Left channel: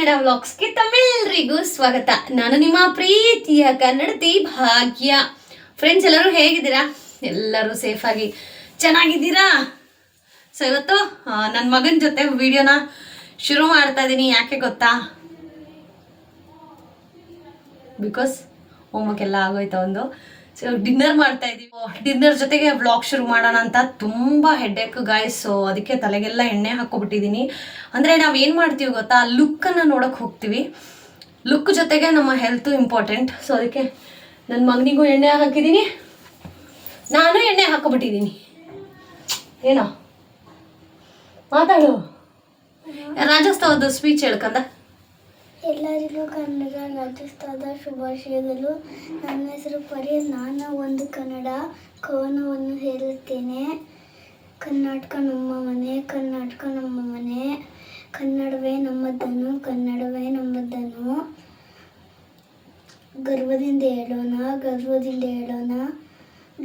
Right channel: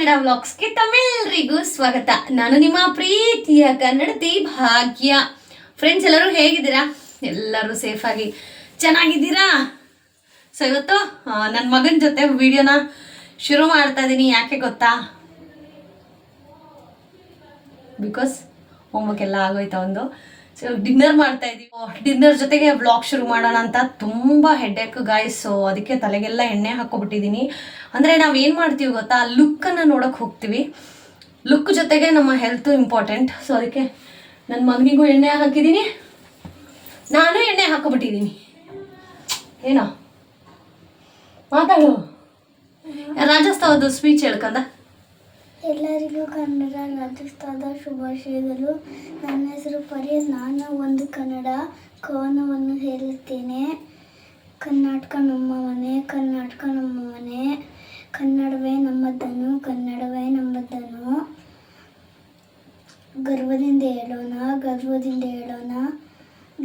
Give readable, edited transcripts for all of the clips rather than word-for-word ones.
ಕನ್ನಡ ವ್ಲಾಗ್ಸ್ಗೆ ತಮ್ಮೆಲ್ಲರಿಗೂ ಸ್ವಾಗತ. ನಾನು ನಿಮ್ಮ ಪ್ರೀತಿಯ ಕನ್ನಡತಿ ಭಾಗ್ಯ. ಫ್ರೆಂಡ್ಸ್, ಎಲ್ಲರೂ ಹೇಗಿದ್ದೀರಾ? ಎಲ್ಲರೂ ಸೇಫಾಗಿ ಚೆನ್ನಾಗಿದ್ದೀರಾ? ಸೊ ಇವತ್ತು ನನ್ನ ಮಗನ ಜೊತೆ ವಿಡಿಯೋನ ಶುರು ಮಾಡ್ತಾ ಇದ್ದೀನಿ. ಯಾಕೆ ಗೊತ್ತಾ? ಬಿಕಾಸ್ ಹೋಮ್ವರ್ಕ್ ಎಲ್ಲ ಆಗೋಯ್ತಾ ಒಂದು. ಸೊ ಡಿನ್ನರ್ ಮಾಡ್ತಾ ಇದ್ದೀವಿ. ಡಿನ್ನರ್ ಜೊತೆಗೆ ವ್ಲಾಗ್ ಶುರು ಮಾಡೋಣ ಅಂತ ತುಂಬ ಹೆಡ್ಡೇಕ್ ಗಾಯ್ಸ್. ಸೊ ಅದಕ್ಕೆ ತಲೆಗೆಲ್ಲ ಎಣ್ಣೆ ಹಾಕ್ಕೊಬಿಟ್ಟಿದ್ದೀನಿ. ಅಂದರೆ ನಾವೇನು ಮಾಡ್ತೀವಿ ಗೊತ್ತಾ, ಲುಕ್ಕನ್ನು ನೋಡೋಕೆ ಹೋಗ್ತೀವಿ. ಲುಕ್ ಜೊತೆಗೆ ನಮ್ಮ ಹೆಲ್ತು ಇಂಪಾರ್ಟೆಂಟ್. ಸೊ ಅದಕ್ಕೆ ನನ್ನ ಮಗನಿಗೂ ಎಣ್ಣೆ ಹಾಕಿದ್ದೀನಿ, ನಾನು ಎಣ್ಣೆ ಹಾಕ್ಕೊಬಿಟ್ಟಿದ್ದೀನಿ. ಏನೋ ಮಾತಾಡು. ರಾಜಸ್ಥಾನದ ಸ್ಪೀಚ್ ಹೇಳ್ಕಂದ. ಎಲ್ಲರಿಗೂ ಕನ್ನಡ ರಾಜ್ಯೋತ್ಸವದ ಶುಭಾಶಯಗಳು. ನನ್ನ ಹೆಸರು ಪರಿ. ನಾನು ಒಂದು ಕನ್ನಡ ಕವನವನ್ನು ಹೇಳುತ್ತೇನೆ. ಕರ್ನಾಟಕ ನಮ್ಮ ಮನೆ, ಕರ್ನಾಟಕ ನಮ್ಮ ಮನೆ, ಕನ್ನಡವೇ ನಮ್ಮದನ್ನು, ಕನ್ನಡವೇ ನಮ್ಮದನ್ನು. ಗರ್ವದಿಂದ ಹೇಳೋಣ, ಗರ್ವದಿಂದ ಹೇಳೋಣ.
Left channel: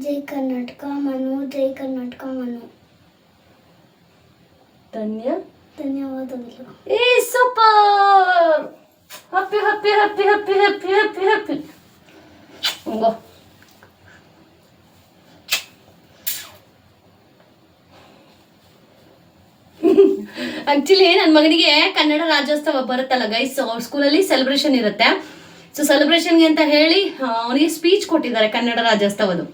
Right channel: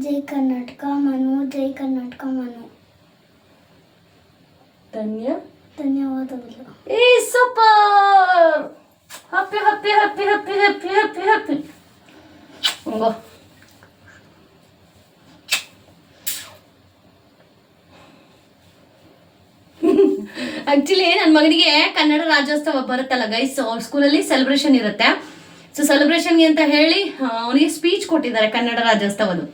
ಜೈ ಕರ್ನಾಟಕ ಮನು, ಜೈ ಕರ್ನಾಟಕ ಮನು. ಧನ್ಯವಾದಗಳು. ಏ super! Happy happy happy happy happy happy happy. ಹಂಗೋ ಆಕ್ಚುಲಿ ನನ್ನ ಮಗನಿಗೆ ಕನ್ನಡ ರಾಜ್ಯೋತ್ಸವ ಬರುತ್ತಲ್ಲ ಗೈಸ್, ಅವ್ರ ಸ್ಕೂಲಲ್ಲಿ ಸೆಲೆಬ್ರೇಷನ್ ಇರುತ್ತೆ. ಸೊ ಸೆಲೆಬ್ರೇಷನ್ಗೆ ಅಂತ ಹೇಳಿ ಅವನಿಗೆ ಸ್ಪೀಚ್ ಕೊಟ್ಟಿದ್ದಾರೆ ಕನ್ನಡ ರಾಜ್ಯೋತ್ಸವದು.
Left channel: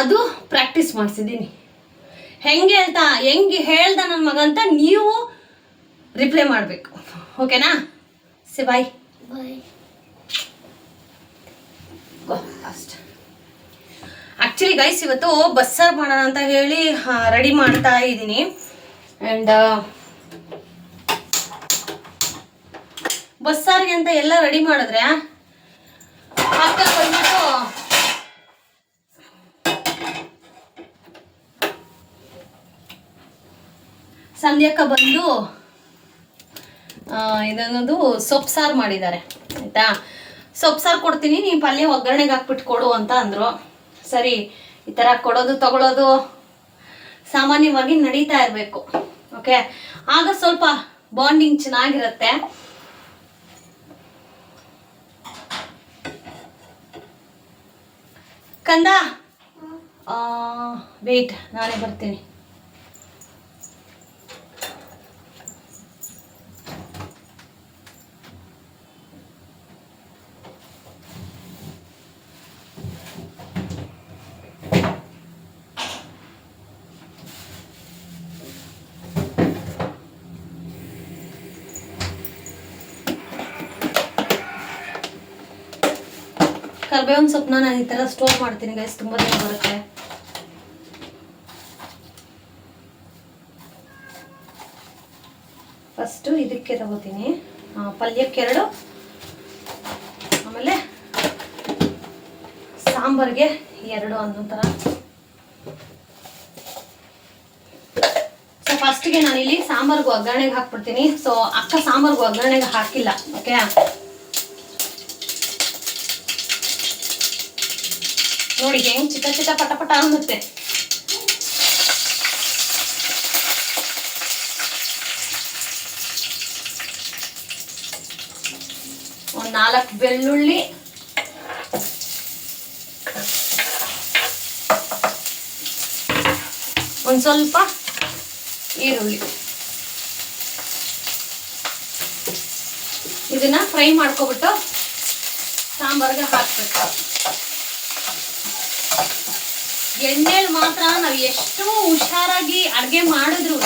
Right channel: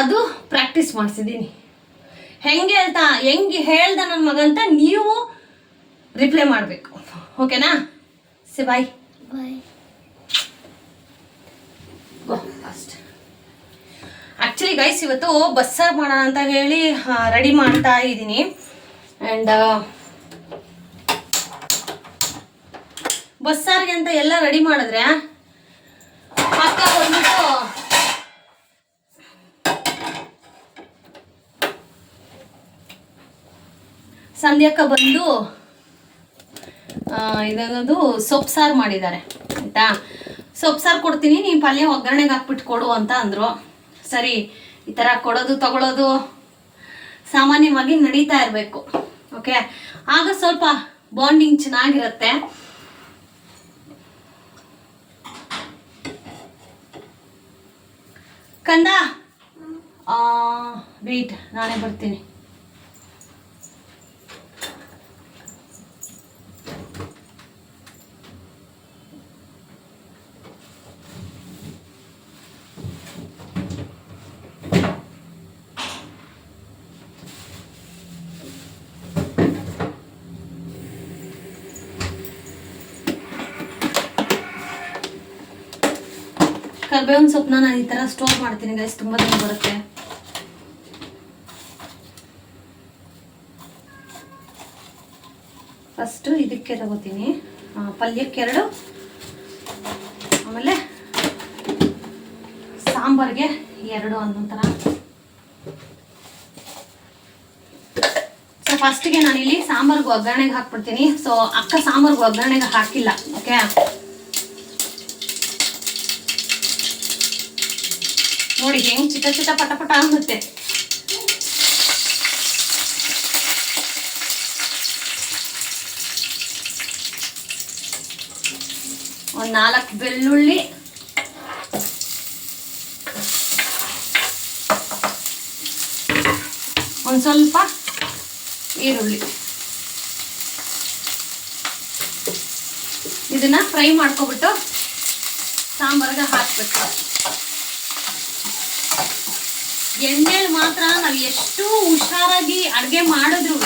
ಅದು ಪ್ರಾಕ್ಟೀಸ್ ಮಾಡಿಸಿದ್ದೀನಿ. ಹೆಂಗೆ ಹೇಳ್ದ ನನ್ನ ಮಗ ಅಂತ ನೀವು ರಿಪ್ಲೈ ಮಾಡಬೇಕು. ಓಕೆನಾ? See bye bye. Go fast. Actually guys, ಇವತ್ತು ಬಸ್ಸಾರು ಮಾಡೋಣ ಅಂತ ಹೇಳಿ ರೆಡಿ ಮಾಡ್ತಾ ಇದ್ದೀನಿ. ಆ್ಯಂಡ್ ಬಸ್ಸಾರಿಗೆ ಅಂತ ಎಲ್ಲ ರೆಡಿ ಮಾಡಿದ್ರೆ ಅಕ್ಕ ಬಂದ್ಬಿಟ್ಟು ಸಂಧ್ಯಕ್ಕ ಬಂದು ಇದನ್ನದು ಸೊಪ್ಪು ಸಾರು ಮಾಡಿದ್ದಾರೆ ಆಯಿತಾ. ಸೊಪ್ಪು ಸಾರು ಕೊಡ್ತೀನಿ, ನೀನು ಪಲ್ಯ ಒಗ್ಗರಣೆಗೆ ಹಾಕ್ಬಿಟ್ಟು ಕೊಡು ಅಂತ ಅಂದರು. ಸರಿ, ಈ ಥರ ಕೊಡೋದು ತಗೊಳ್ಳೋದು ಸಾಮಾನ್ಯವಾಗಿ ನಡೀತಾ ಇರಬೇಕು. ಓಕೆ, ಆಗ ಸ್ವಲ್ಪ ಬಾಂಡಿಂಗ್ ಚೆನ್ನಾಗಿರುತ್ತೆ. ಕಂದ ವೇಟ್, ನಾನೇ ಬರ್ತೀನಿ. ಕರ್ಬೇವಿನ ಸೊಪ್ಪನ್ನ ನಾನು ಈ ಥರ ಸ್ಟೋರ್ ಮಾಡ್ತೀನಿ ಗೈಸ್, ತುಂಬ ದಿನ ಬರುತ್ತೆ. ಫಸ್ಟು ಇದಕ್ಕೆ ತಗೋತೀನಿ, ಪಲ್ಯಕ್ಕೆ 2, ಆಮೇಲೆ ಸಾಂಬಾರಿಗೆ 2 ಅನ್ನೋ ಥರ. ಸೊ ಫಸ್ಟಿಗೆ ನಾನಿಲ್ಲಿ ಸಾಂಬಾರ್ಗೆ ಒಗ್ಗರಣೆಗೆ ಹಾಕ್ಬಿಡ್ತೀನಿ. ಸೊ ಅಕ್ಕ ಸಾಂಬಾರ್ಗೆ ಒಗ್ಗರಣೆಗೆ ಹಾಕಿಲ್ಲ. ಓಕೆ, ನೋಡಿ ಹೆಂಗೆ ಚಿಟ ಚಿಟ ಪಟ ಪಟ ಅನ್ನುತ್ತೆ. ಒಂದು 4 ಬೆಳ್ಳುಳ್ಳಿ, ಒಂದು ಸ್ವಲ್ಪ ಈರುಳ್ಳಿ, ಇದನ್ನ ಫ್ರೈ ಮಾಡ್ಕೊಬಿಟ್ಟು ಸಾಂಬಾರ್ಗೆ ಹಾಕ್ಬಿಟ್ಟು, ಎಣ್ಣೆಲಿ ಮಾತ್ರ ನಾವು ಎಷ್ಟು ಹುಷಾರಾಗಿ ಅಡುಗೆ ಮಾಡಿದ್ರೂ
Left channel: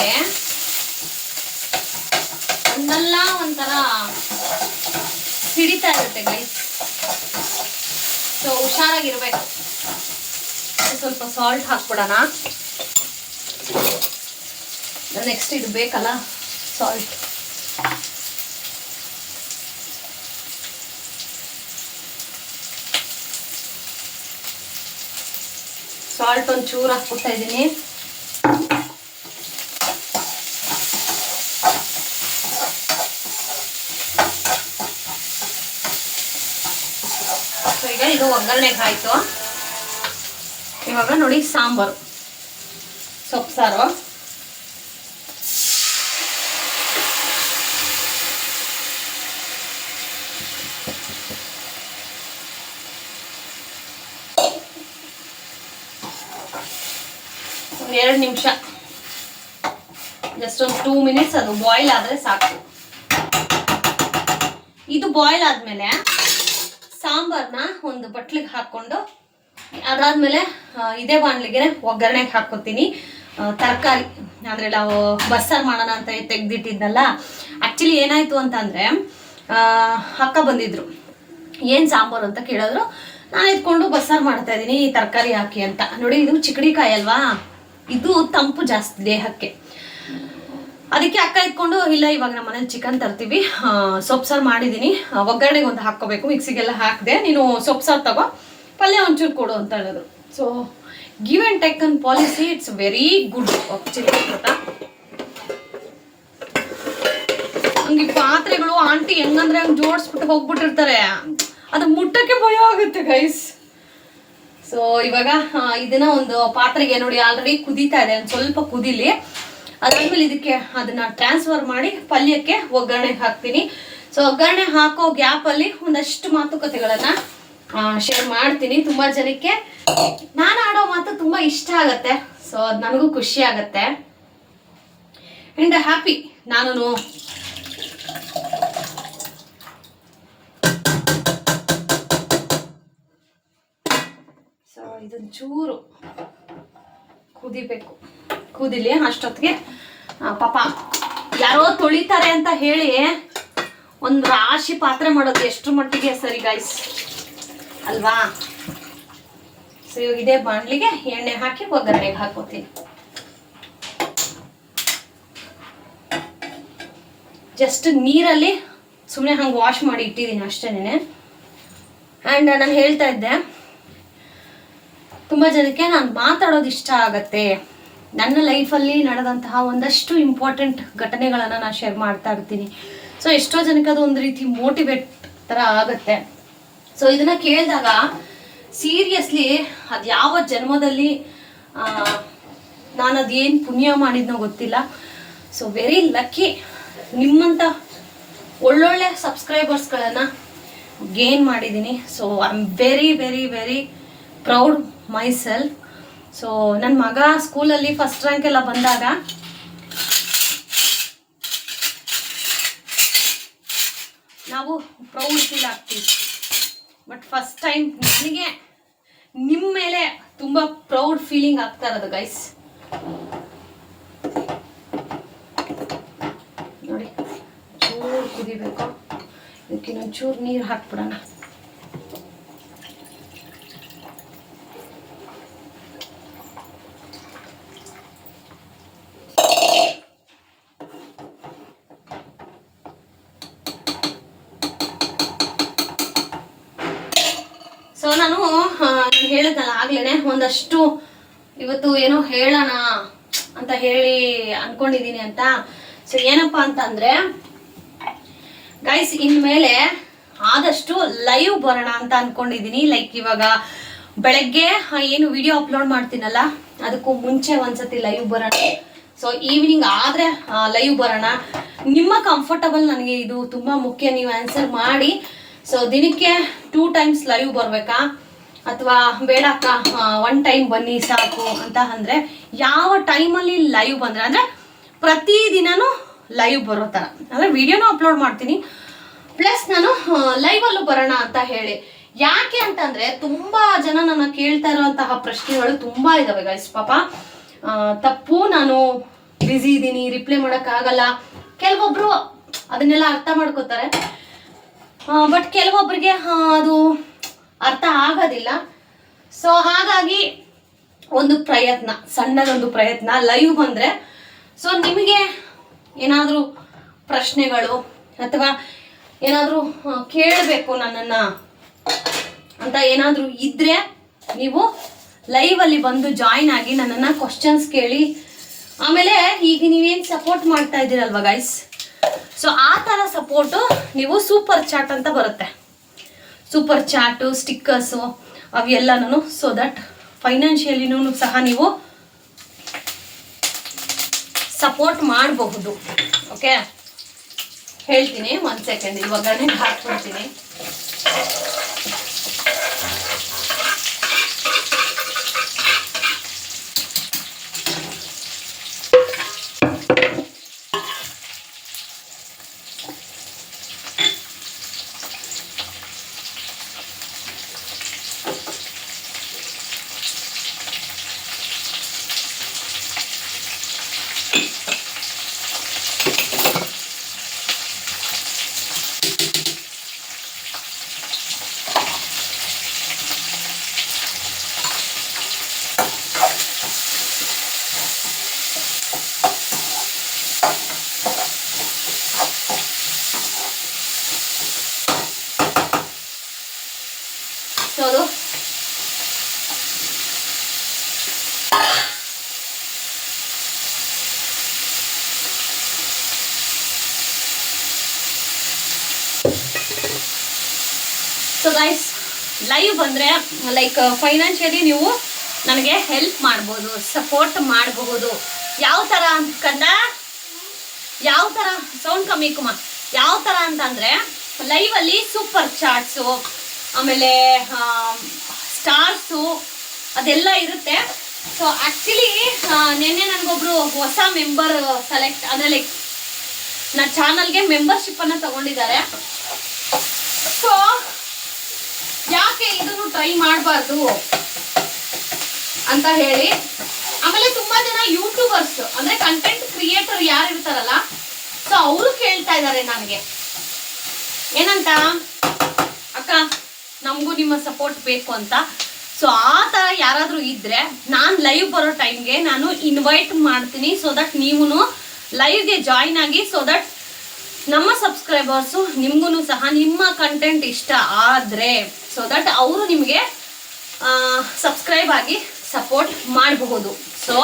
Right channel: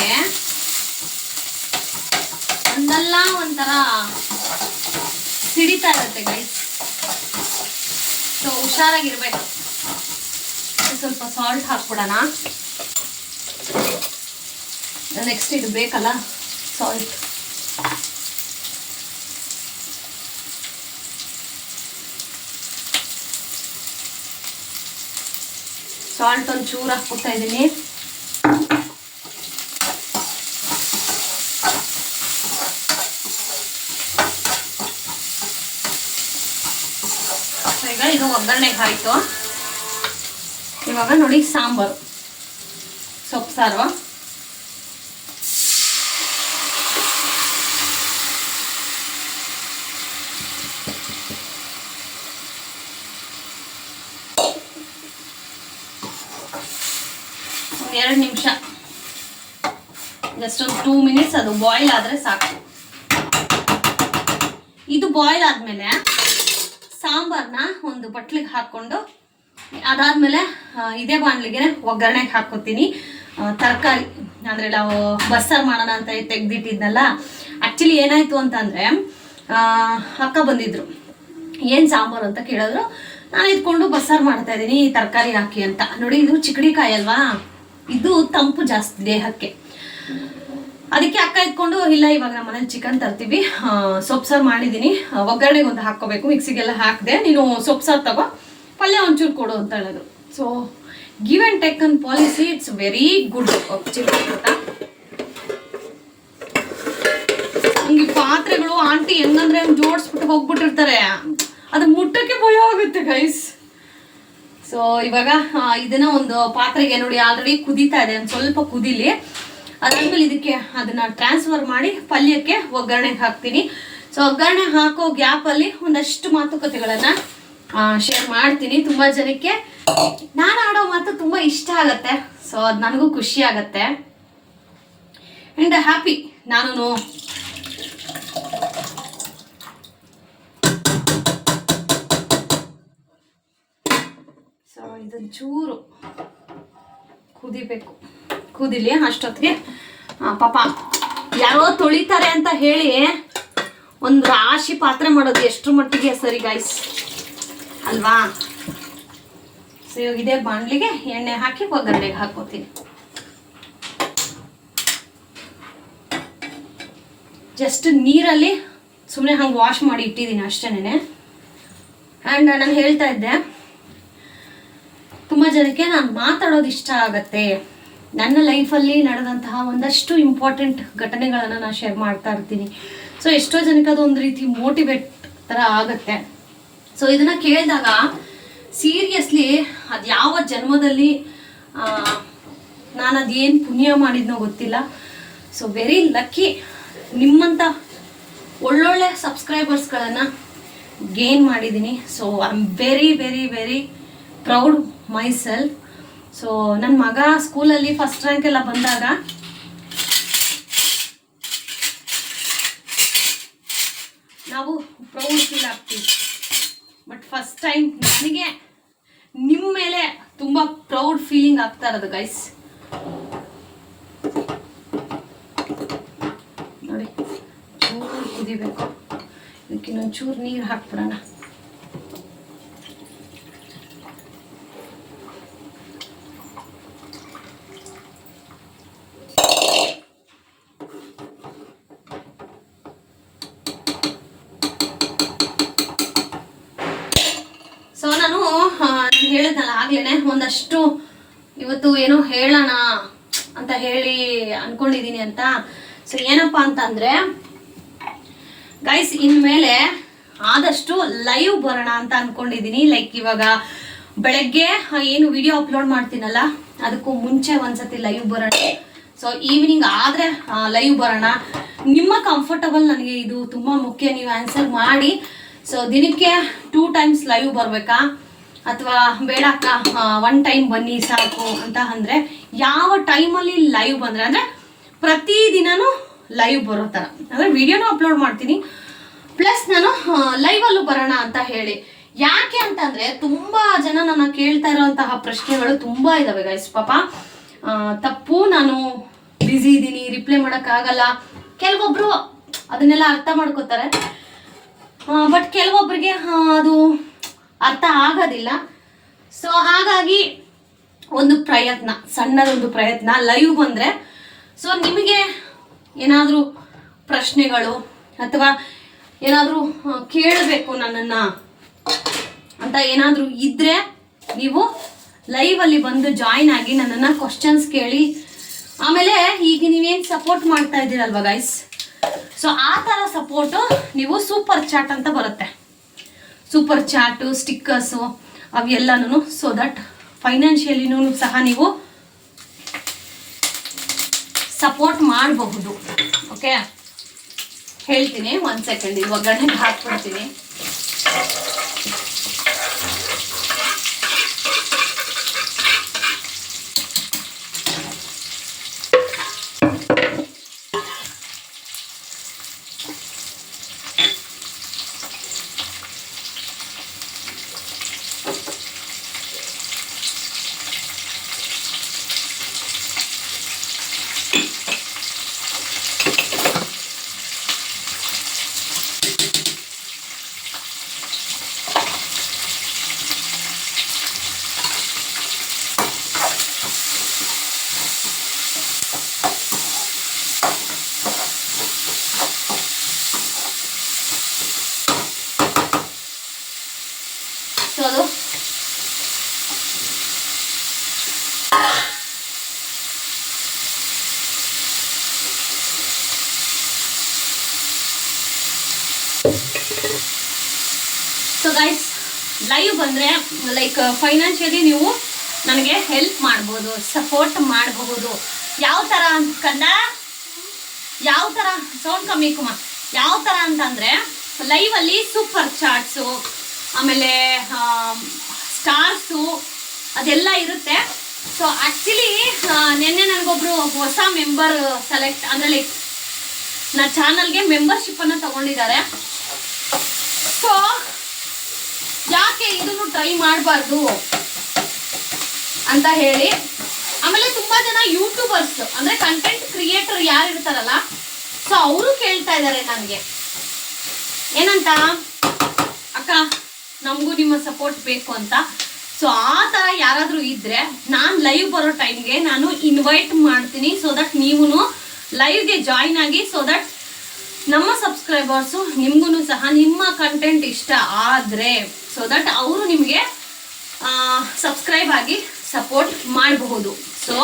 ಒಂದಲ್ಲ ಒಂಥರ ಸಿಡಿತಾ ಇರುತ್ತೆ ಗೈಸ್. ಸೊ ಹುಷಾರಾಗಿರ್ಬೇಕು. ಸ್ವಲ್ಪ ಸಾಲ್ಟ್ ಹಾಕ್ಬಿಡೋಣ. ನೆಕ್ಸ್ಟ್ ಇದು ಬೇಕಲ್ಲ ಸಾಲ್ಟ್. ಸಾಲ್ಟ್ ಒಂದು ಚೂರು ಹಾಕ್ಬಿಡ್ತಾ ಇದ್ದೀನಿ. ಈಗ ಇದು ಒಗ್ಗರಣೆಗೆ ಆಯಿತು. ಇವಾಗ ನೋಡಿ ಸಾಂಬಾರು, ಸೊಪ್ಪು ಸಾರು. 2 ನಿಮಿಷ, ಜಸ್ಟ್ ಒಂದು 2 ಮಿನಿಟ್ಸ್ ಅದು ಬಾಯ್ಲ್ ಆದರೆ ಸಾಕು. ಇದು ಬಾಯ್ಲ್ ಆದಮೇಲೆ ಸಾಂಬಾರನ್ನ ಒಂದು ಬಟ್ಲಿಗೆ ಹಾಕ್ಕೊಂಡು ಅದಾದಮೇಲೆ ಇದೇ ಬಾಣಲಿಗೆ ಒಗ್ಗರಣೆಗೆ ಹಾಕ್ಕೊತೀನಿ. ತರಕಾರಿ ಅಂದರೆ ನಾವು ಬಸ್ಸಾರು ಮಾಡೋಣ ಅಂತ ತೆಗೆದಿಟ್ಟಿದ್ನಲ್ಲ, ಆ್ಯಕ್ಚುಲಿ ಏನಾಯಿತು ಅಂತಂದರೆ ಅಕ್ಕ ಬಂದಿದ್ರು, ಏನು ಸಾಂಬಾರು ಅಂತ ಕೇಳಿದ್ರು. ನಾನು ಇದ್ಕೊಂಡು ಬಸ್ಸಾರು ಮಾಡ್ತಾಯಿದ್ದೀನಿ ತರಕಾರಿ ಹಾಕಿ ಅಂತ. ನೋಡಿ, ಇದು ಚಿಕ್ಕಡಿಕಾಯಿ ಅಲ್ವಾ, ಇದು ತಂಪು ಜಾಸ್ತಿ ದೇಹಕ್ಕೆ. ಅದಕ್ಕೆ ಅಕ್ಕ ಇದ್ಕೊಂಡು, ಇಲ್ಲ ಇವಾಗ ನಮ್ಮ ಮನೇಲಿ ಚಿಕನ್ ತರ್ತೀವಿ, ಸೊಪ್ಪು ಸಾರು ಮಾಡಿದ್ದೀನಿ, ಒಗ್ಗರಣೆಗೆ ಒಂದು ಹಾಕ್ಕೋಬೇಕು, ಮಿಕ್ಸಿಗೆಲ್ಲ ಹಾಕಿದೆ, ನೀನು ಸೊಪ್ಪು ಸಾರು ತಗೋ, ಪಲ್ಯ ಒಂಚೂರು ಕೊಡು ಅಂತ ಹೇಳೋದು. So give and take an policy, it's very good actually ಗೊತ್ತಾ. ಹಂಗೆ ಪಾತ್ರೆಗಳು ಆಂಟಿ ಹೆಂಗಂದ್ರೆ ಹಂಗೆ ಜೋಡಿಸ್ಬಿಟ್ಟು ಹೋಗ್ಬಿಟ್ಟಿರ್ತಾರೆ, ಅದು ಮುಟ್ಟಕ್ಕೆ ಭಯ ಆಗುತ್ತೆ ಗೈಸ್. ಸೊ ಇವಾಗ ಇದನ್ನ ಒಂದು ಪಾತ್ರೆಗೆ ನೋಡಿ ಆಲ್ರೆಡಿ ಕುದೀತಾ ಇದೆ, ಒಂದು ಸ್ವಲ್ಪ ಕುದೀಲಿ. ಅದಾದ್ಮೇಲೆ ಇದಕ್ಕೆ ಅದನ್ನ ಟ್ರಾನ್ಸ್ಫರ್ ಮಾಡಿ ಪಲ್ಯಕ್ಕೆ ಒಗ್ಗರಣೆಗೆ ಹಾಕ್ತೀನಿ. ಸೊ ಒಗ್ಗರಣೆ ಹಾಕೋ ಗ್ಯಾಪಲ್ಲಿ ಒಂದಷ್ಟು ಮಾತುಕತೆಗಳನ್ನು ಶೇರ್ ಮಾಡ್ತೀನಿ. ತುಂಬ ಜನಕ್ಕೆ ನಾನು ಆಡೋ ಮಾತು ತುಂಬ ಇಷ್ಟ ಆಗತ್ತೆ. ಸೊ ಅದು ನನಗೂ ಖುಷಿ ಆಗತ್ತೆ ಆ್ಯಂಡ್ ಹ್ಯಾಪಿ. ನಾನು ಸೊ ಇದೊಂದು ಚೂರು ಕುದಿಬೇಕು, ಕುದಿಲಿ. ಅಷ್ಟೊತ್ತಿಗೆ ಪಾಪ ಯಾರೋ ತೊಳಿತಾರೆ ಅಂತ ಹೇಳಿ ಒಂದು ರಾಶಿ ಪಾತ್ರೆ ಮಾಡೋದು ಎಷ್ಟರ ಮಟ್ಟಿಗೆ ಸರಿ ಗೈಸ್ ಅಲ್ವಾ. ಸೊ ಇವಾಗ ಇದೇ ಬಾಣಲಿಗೆ ಎಣ್ಣೆ ಹಾಕಿ ಒಗ್ಗರಣೆಗೆ ಹಾಕೋತೀನಿ. ಜಸ್ಟ್ ನೀರಲ್ಲಿ ಸುಮ್ಮನೆ ಹಂಗೆ ವಾಶ್ ಮಾಡಿ ಇಟ್ಟಿದ್ದೀನಿ ಅಷ್ಟೇನೆ. ಆ್ಯಂಡ್ ನಾನು ಹೇಳ್ತಾ ಇದ್ದೆ, ತುಂಬ ಜನಕ್ಕೆ ನಾನು ಮಾತಾಡೋದು ಇಷ್ಟ ಆಗತ್ತೆ. ನನ್ನ ಲೈಫಲ್ಲಿ ನಡೆದಂತಹ ಒಂದಷ್ಟು ಇಂಪಾರ್ಟೆಂಟ್ ಘಟನೆಗಳನ್ನು ನಾನು ಶೇರ್ ಮಾಡ್ತಾ ಇರ್ತೀನಿ. ಸೊ ಎಷ್ಟೋ ಜನಕ್ಕೆ ಅದು ಒಂದು ರೀತಿ ಮೋಟಿವೇಟ್ ಥರ ಆಗುತ್ತೆ. ಸೊ ಇದನ್ನು ಕೇಳಿದಾಗ ಸೀರಿಯಸ್ಲಿ ಅದು ಯಾವ ಜನ್ಮದಲ್ಲಿ ನಾನು ಅದೇನು ಪುಣ್ಯ ಮಾಡಿದ್ನೋ ಗೊತ್ತಿಲ್ಲ. ಸೊ ವೆರಿ ಲಕ್ಕಿ, ನಿಮ್ಮಂಥ ಒಳ್ಳೊಳ್ಳೆ ಸಬ್ಸ್ಕ್ರೈಬರ್ಸ್ಗಳನ್ನು ಗೇನ್ ಮಾಡಿದ್ದೀನಿ. So I am very very very proud my self. So ನನ್ನ ಮಗ ಸ್ಕೂಲಲ್ಲಿ ಫಸ್ಟ್ ರ್ಯಾಂಕ್ ಎಲ್ಲ ಬಂದಾಗ ನಾವು ಪ್ರೌಡ್ ಫೀಲ್ ಆಗ್ತೀವಿ. ಬಟ್ ಫಸ್ಟ್ ಟೈಮ್ ನನಗೆ ನಿಮ್ಮ ಮೇಲೆ ತುಂಬ ಪ್ರೌಡ್ ಫೀಲಿಂಗ್ ಆಗ್ತಾ ಇರೋದು ಗೈಸ್. ನೋಡಿ, ಚೂರು ಕುದಿಬೇಕು, ಇದಕ್ಕೆ ಇನ್ನೊಂದು ಚೂರು ನೀರು ಹಾಕ್ಬಿಡೋಣ. ಸೊ ನಾನು ಹೇಳಿದ್ನಲ್ಲ ಆಗ್ಲೇ, ಒಂದಷ್ಟು ಇವತ್ತು ಏನೋ ಹೇಳೋಣ ಅಂತ ಹೇಳಿ ಅನ್ಕೊಂಡಿದ್ದೀನಿ ಅಂತ. ಸೊ ಏನಪ್ಪ ಅಂತಂದರೆ ಗೈಸ್, ಇನ್ಮೇಲೆ ಆದಷ್ಟು ಲೈವ್ ಬರೋಣ ಅಂತ ಅನ್ಕೊಂಡಿದ್ದೀನಿ. ಲೈಕ್ ಇವಾಗ ಬೆಳಗ್ಗೆ ಏನು ವಿಡಿಯೋ ಅಪ್ಲೋಡ್ ಮಾಡ್ತೀನಲ್ಲ, ಅದಕ್ಕೂ ಮುಂಚೆ ಒಂದ್ಸತಿ ಲೈವ್ ಬರೋಣ. ಸೊ ಈವ್ನಿಂಗ್ ಆದರೆ ಲೈವ್ ಬರೋಣ. ನಿಮ್ಮ ಕಂಫರ್ಟಬಲ್ ನನಗೆ ಇದು ತುಂಬ ಮುಖ್ಯ, ನೀವು ಆನ್ಸರ್ ಮಾಡಿ. ಸೊ ದಿನಕ್ಕೆ 2 ಟೈಮ್ಸ್ ಲೈವ್ ಬರಬೇಕಾ ಅಥವಾ ಬೇಡ ಅಕ್ಕ 1 ಟೈಮ್ ಬನ್ನಿ ಸಾಕು ಅಂತ ಅಂದರೆ, ಯಾವ ಟೈಮಲ್ಲಿ ಲೈವ್ ಬಂದರೆ ಅಂದರೆ ಪ್ರತಿದಿನನೂ ಲೈವ್ ಬರೋ ಥರ, ಅಂದರೆ ವಿಡಿಯೋನೂ ಅಪ್ಲೋಡ್ ಮಾಡ್ತೀನಿ ಪ್ಲಸ್ ನಾನು ಲೈವಲ್ಲೂ ಬರೋಣ ಅಂತ ಹೇಳಿ. ಯಾಕೆ ಅಂತಂದರೆ ತುಂಬ ಜನ ನನ್ನ ಕೇಳ್ತಾ ಇರೋಂತಹ ಪ್ರಶ್ನೆಗಳು ತುಂಬ ಇದ್ದಾವೆ ಗೈಸ್. ಪಾಪ ತಪ್ಪು, ನಾನು ಬ್ಯುಸಿ ಇದ್ದೀನಿ, ರಿಪ್ಲೈ ಮಾಡೋಕ್ಕಾಗಲ್ಲ. ಕೆಲವೊಬ್ಬರು ಅದನ್ನೆಲ್ಲ ಅರ್ಥ ಮಾಡ್ಕೋತಾರೆ, ಬಟ್ ಕೆಲವೊಬ್ಬರಿಗೆ ಅದು ಅರ್ಥ ಆಗೋದಿಲ್ಲ. ಸೊ ಹಾಗಾಗಿ ಒಂದು ಪ್ರಯತ್ನ, ಸಣ್ಣದೊಂದು ಪ್ರಯತ್ನ, ಲೈವ್ ಬಂದರೆ ಸೊ ನಿಮಗೆ ಏನಾದರೂ ಪ್ರಶ್ನೆಗಳು ಅಥವಾ ಏನಾದರೂ ಕೇಳಬೇಕು ನನ್ನನ್ನು ಅಂತ ಏನಾದರೂ ಇದ್ದರೆ ನೀವು ಲೈವಲ್ಲಿ ಬಂದು ಜಾಯಿನ್ ಆಗಿ ನನ್ನನ್ನು ಕ್ವಶನ್ಸ್ ಕೇಳಿ. ಆಮೇಲೆ ಈಗ ನೀವೇನು ಸಪೋರ್ಟ್ ಮಾಡ್ತಾ ಇದ್ದೀರಲ್ವ ಗೈಸ್, ಸೊ ಆ ಥರ ಸಪೋರ್ಟು ನೀವು ಸೂಪರ್ ಚಾಟ್ ಅಂತ ಬರುತ್ತೆ, ಸೂಪರ್ ಚಾಟು, ಸ್ಟಿಕ್ಕರ್ಸು ಅವೆಲ್ಲನೂ, ಸೊ ದಟ್ ಫೈನಾನ್ಷಿಯಲಿನೂ ಸಹ ನೀವು ಸಪೋರ್ಟ್ ಮಾಡಬಹುದು. ಓಕೆ, ಹೇಳ್ತೀನಿ, 1 ಸೆಕೆಂಡ್ ಈ ಒಗ್ಗರಣೆಗೆ ಹಾಕ್ಬಿಡ್ತೀನಿ. ತೋರಿಸೋದು. ಸೊ ಗೈಸ್, ಲೈವ್ ಬಂದರೆ ಲೈಕ್ ಫೈನಾನ್ಷಿಯಲಿ ನೀವು ನನಗೆ ಹೆಲ್ಪ್ ಮಾಡ್ಬೋದು, ಸಪೋರ್ಟ್ ಮಾಡಬಹುದು. ಯಾವ ಥರ ಅಂತಂದ, ಯಾವ ಥರ ಸೌಂಡ್ ಕಮ್ಮಿ ಕುಮಾರ್, ಯಾವ ಥರ ಅಂತಂದರೆ ಲೈವಲ್ಲಿ ಸೂಪರ್ ಚಾಟ್ಸು, ಆಮೇಲೆ ಸ್ಟಾರ್ಸು ಅದೆಲ್ಲ ಇರುತ್ತೆ. ಸೊ ಆ್ಯಕ್ಚುಲಿ ನಿನ್ನೆ ನನಗೊಬ್ರು ಹೊಸ ಮೆಂಬರ್ ಸೆಲೆಕ್ಟ್ ಅಂದರೆ ಲೈಕ್ ನನ್ನ ಚಾನಲ್ಗೆ ಮೆಂಬರ್ಶಿಪ್ಪನ್ನು ತಗೊಂಡಿದ್ದಾರೆ. ಸೊ ಯಾಕೆ ಇದನ್ನು ಟ್ರೈ ಮಾಡಬಾರ್ದು ಅಂತ ಹೇಳಿ, ಆಮೇಲೆ ತುಂಬಾ ಜನ ಯೂಟ್ಯೂಬರ್ಸ್ ಅಂದ್ರೆ ಕಂಟೆಂಟ್ ಕ್ರಿಯೇಟರ್ ಯಾರು ಇರ್ತಾರಲ್ಲ, ಸೊ ಅವರು ಕೇಳ್ತಾ ಇದ್ದಾರೆ ನನಗೆ ಏನಂತ, ಅಕ್ಕ ನಮಗೂ ನಿಮ್ಮ ಸಪೋರ್ಟ್ ಬೇಕು ಅಂತ. ಸೊ ಆ ಥರ ಯಾರಾದರೂ ಇದ್ರೆ ನಾನು ಲೈವ್ ಬರೋ ಟೈಮ್ಗೆ ನಾನು ಇನ್ವೈಟ್ ಮಾಡ್ತೀನಿ. ಸೊ ದಟ್ ನೀವು ಲೈವ್ಗೆ ಜಾಯಿನ್ ಆಗಿ, ಸೊ ದಟ್ ನಮ್ಮ ಸಬ್ಸ್ಕ್ರೈಬರ್ಸು ನಿಮಗೂ ಸಹ ನಿಮ್ಮ ಕಂಟೆಂಟ್ ಇಷ್ಟ ಆದರೆ ಸೊ ದಟ್ ಅವರು ನಿಮಗೆ ಸಬ್ಸ್ಕ್ರೈಬ್ ಆಗಿ ಸಪೋರ್ಟ್ ಮಾಡಬಹುದು. ಸೊ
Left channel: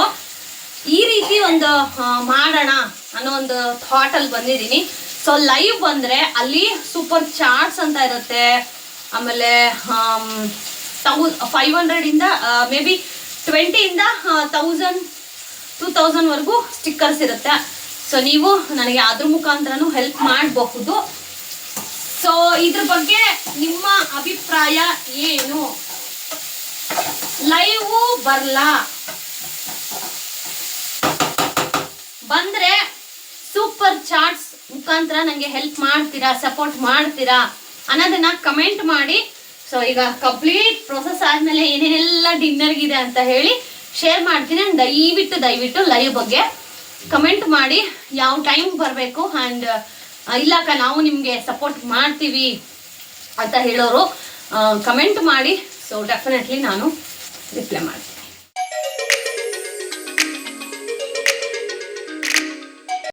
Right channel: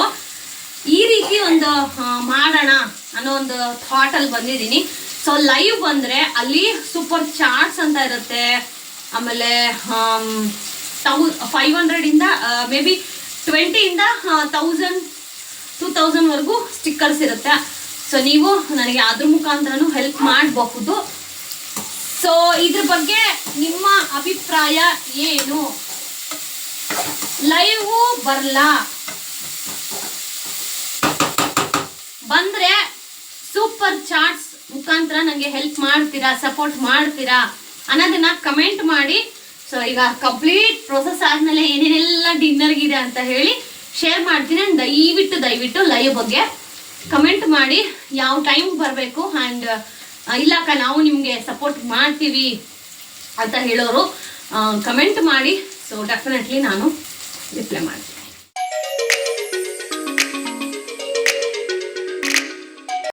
ಈ ರೀತಿ ಒಂದು ಮಾಡೋಣ ಅನ್ನೋ ಒಂದು ಥಾಟಲ್ಲಿ ಬಂದಿದ್ದೀನಿ. ಸೊ ಲೈವ್ ಬಂದರೆ ಅಲ್ಲಿ ಸೂಪರ್ ಚಾಟ್ಸ್ ಅಂತ ಇರುತ್ತೆ, ಆಮೇಲೆ 500ಇಂದ ಮೇ ಬಿ 20ಇಂದ 1000 2000ವರೆಗೂ ಸ್ಟಿಕ್ಕರ್ಸ್ ಇರುತ್ತೆ. ಸೊ ನೀವು ನನಗೆ ಅದ್ರ ಮುಖಾಂತರನೂ ಹೆಲ್ಪ್ ಮಾಡಬಹುದು. ಸೊ ಇದ್ರ ಬಗ್ಗೆ ನಿಮ್ಮ ಅಭಿಪ್ರಾಯ ಏನು? ಲೈವ್ ಬರಲಾ, ಬಂದ್ರೆ ಸೂಪರ್ ಚಾಟ್ಸ್ ಮುಖಾಂತರ ನನಗೆ ಹೆಲ್ಪ್ ಮಾಡ್ತೀರಾ, ಸಪೋರ್ಟ್ ಮಾಡ್ತೀರಾ ಅನ್ನೋದನ್ನ ಕಮೆಂಟ್ ಮಾಡಿ. ಸೊ ಈಗ ಕಂಪ್ಲೀಟ್ ಪ್ರೊಸೆಸ್ ಆದಮೇಲೆ ಏನೇನೆಲ್ಲ ಡಿನ್ನರ್ಗಿದೆ ಅಂತ ಹೇಳಿ ಶೇರ್ ಮಾಡ್ತೀನಿ. ದಯವಿಟ್ಟು ಲೈವ್ ಬಗ್ಗೆ ಕಮೆಂಟ್ ಮಾಡಿ, ಯಾವ ಟೈಮ್ ಬರಬೇಕು ಆ್ಯಂಡ್ ಇಲ್ಲಕ್ಕ ನಾವು ನಿಮಗೆ ಸಪೋರ್ಟ್ ಮಾಡ್ತೀವಿ ಅಂತ ಹೇಳೋರು ಕಮೆಂಟ್ ಮಾಡಿ. ಸೊ ಡೆಫಿನೆಟ್ಲಿ ನಾನು ರಿಪ್ಲೈ ಮಾಡ್ತೀನಿ.